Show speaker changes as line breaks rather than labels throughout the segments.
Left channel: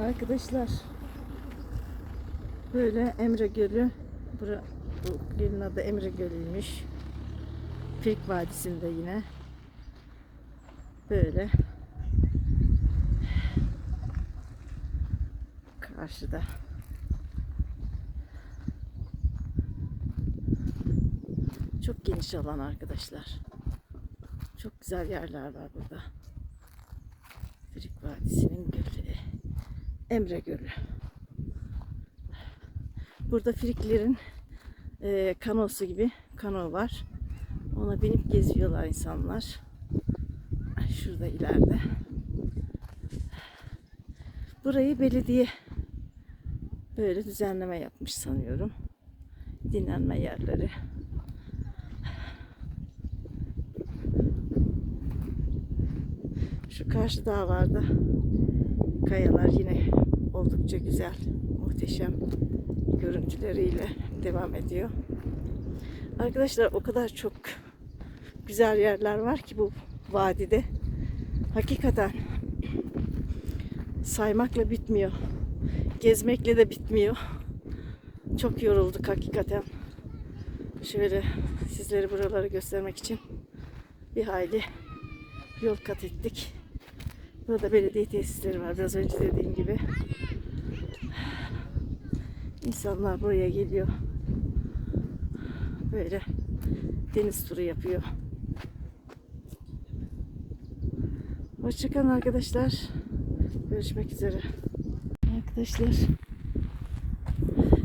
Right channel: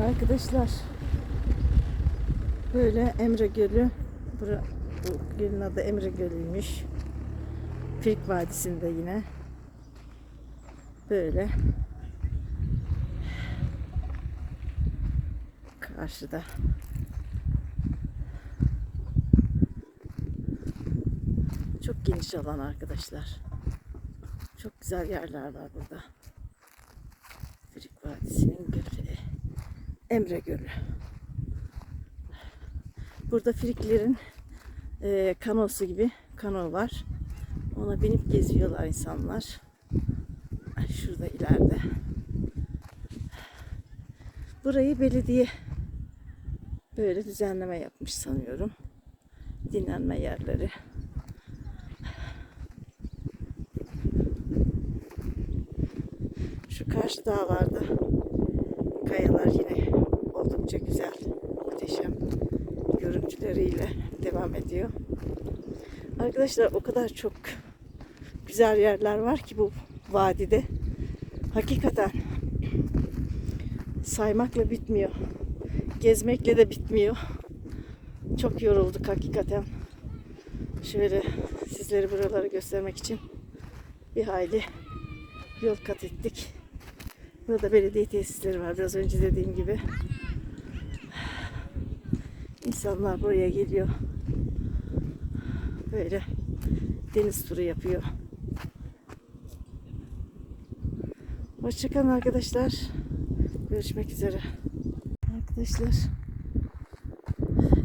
Arkadaşlar böyle Emre Gölü bura, bu gölün adı Emre Gölü'ymüş. Firik Vadisi'nde yine böyle karşıda çok geniş alan arkadaşlar. Çok güzel yerler var burada. Firik Vadisi'nin gölü. Emre Gölü. Burada Friklerin e, kanosu gibi kano var. Ona binip geziyorlar insanlar. Şurada ileride. Burayı belediye böyle düzenleme yapmış sanıyorum. Dinlenme yerleri. Şu karşı dağlarda kayalar yine oldukça güzel, muhteşem görüntüleriyle devam ediyor. Arkadaşlar o kadar çok güzel yerler var ki bu vadide. Hakikaten saymakla bitmiyor. Gezmekle de bitmiyor. Çok yorulduk hakikaten. Şöyle sizlere buraları göstermek için bir hayli yol kat ettik. Burada belediye tesisleri var. Biraz önce dediğim gibi. İnsanlar buraya geliyor. Böyle deniz turu yapıyor. Hoşçakalın arkadaşlar. Görüşmek üzere. Arkadaşlar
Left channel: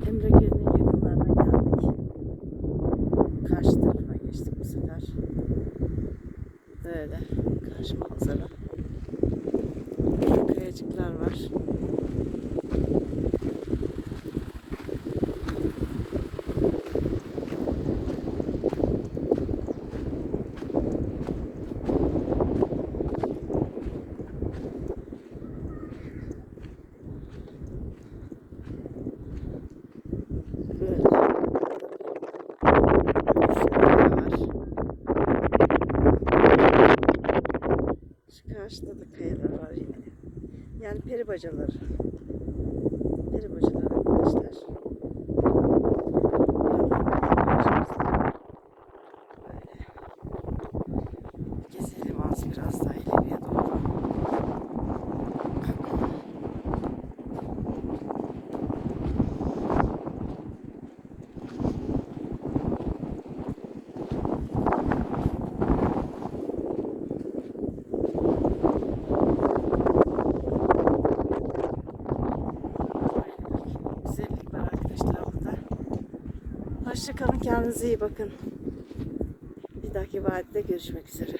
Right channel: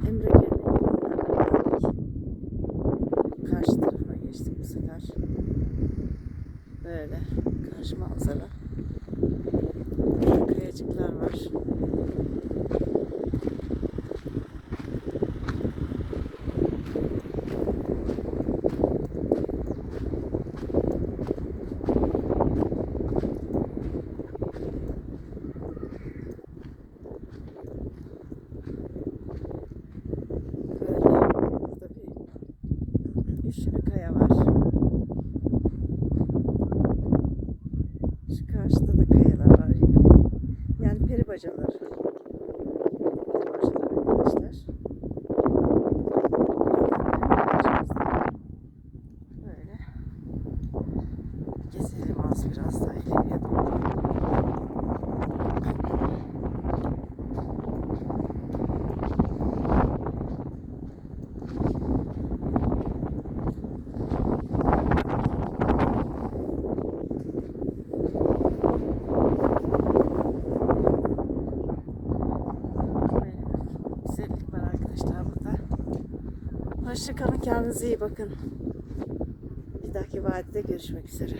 Emre Gölü'nün yanından geldik. Karşı tarafına geçtik bu sefer. Böyle karşı manzara. Burada kayacıklar var. Böyle burada bir sürü kaya var. Şu karşıda da kayalar var yine. Yani peri bacaları. Peri bacaları arkadaşlar. Böyle gezelim az biraz daha ileriye doğru. Böyle bir güzellik var arkadaşlar burada. Hoşçakalın kendinize iyi bakın. Bir dahaki vadide görüşmek üzere.